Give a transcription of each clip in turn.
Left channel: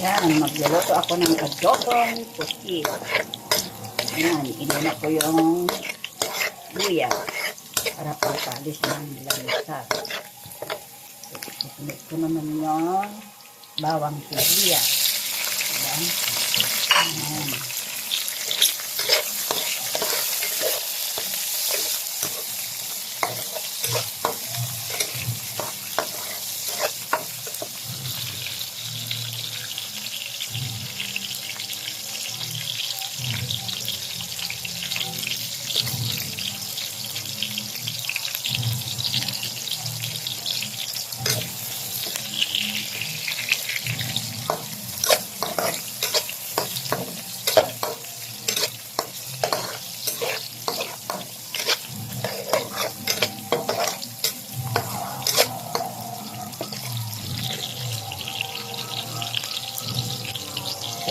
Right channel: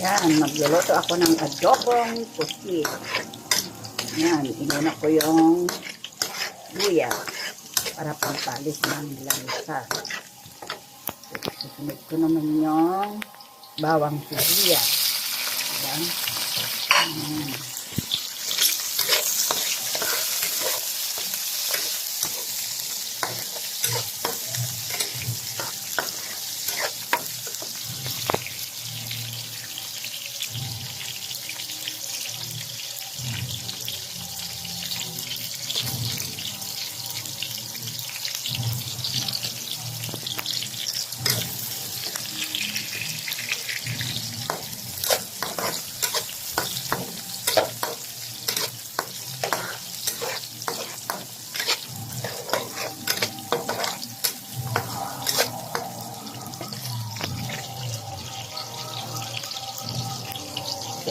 Yan, magluluto ako ng adobong pusit. Yan, inuna ko yung luya para pampalis ng lansa. Susunod ko naman yung bawang sibuyas. Yan. Yan.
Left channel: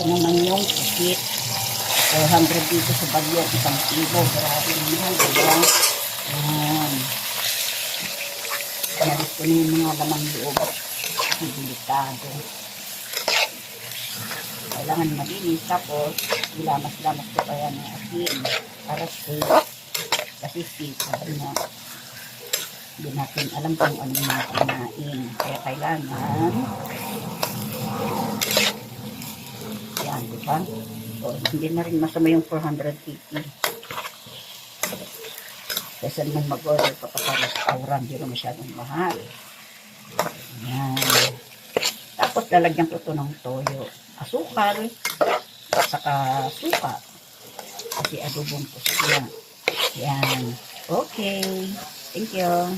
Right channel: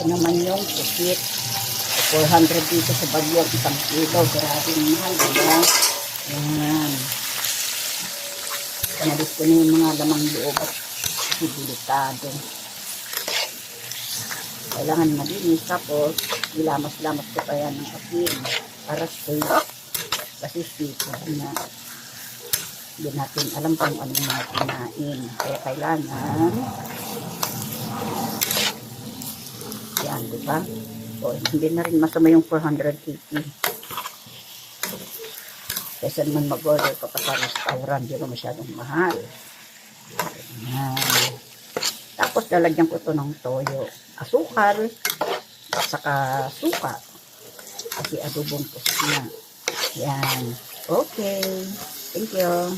Ito naman yung pusit. 400 dito sa Bagyo, 1 kilo. Grabe naman. Ayan. Panalis ko na yung mga lamang loob. Kasi delikado. Kailangan malinis. Tapos, ilamas-lamas ko pa yan ng asin. Para safe. Kasi safe na. Hindi natin alam kung ano mga kinain. Kaya kailangan yan, diba? So, hindi na rin masama yung 480. Kaysa naman mag-order pa sa restaurant, hindi na masyadong mahal. Yan. Tapos, lalagyan ko ito ng toyo. Asukal. At saka suka. Kasi adobong pusit na. Yan. Okay. Thank you.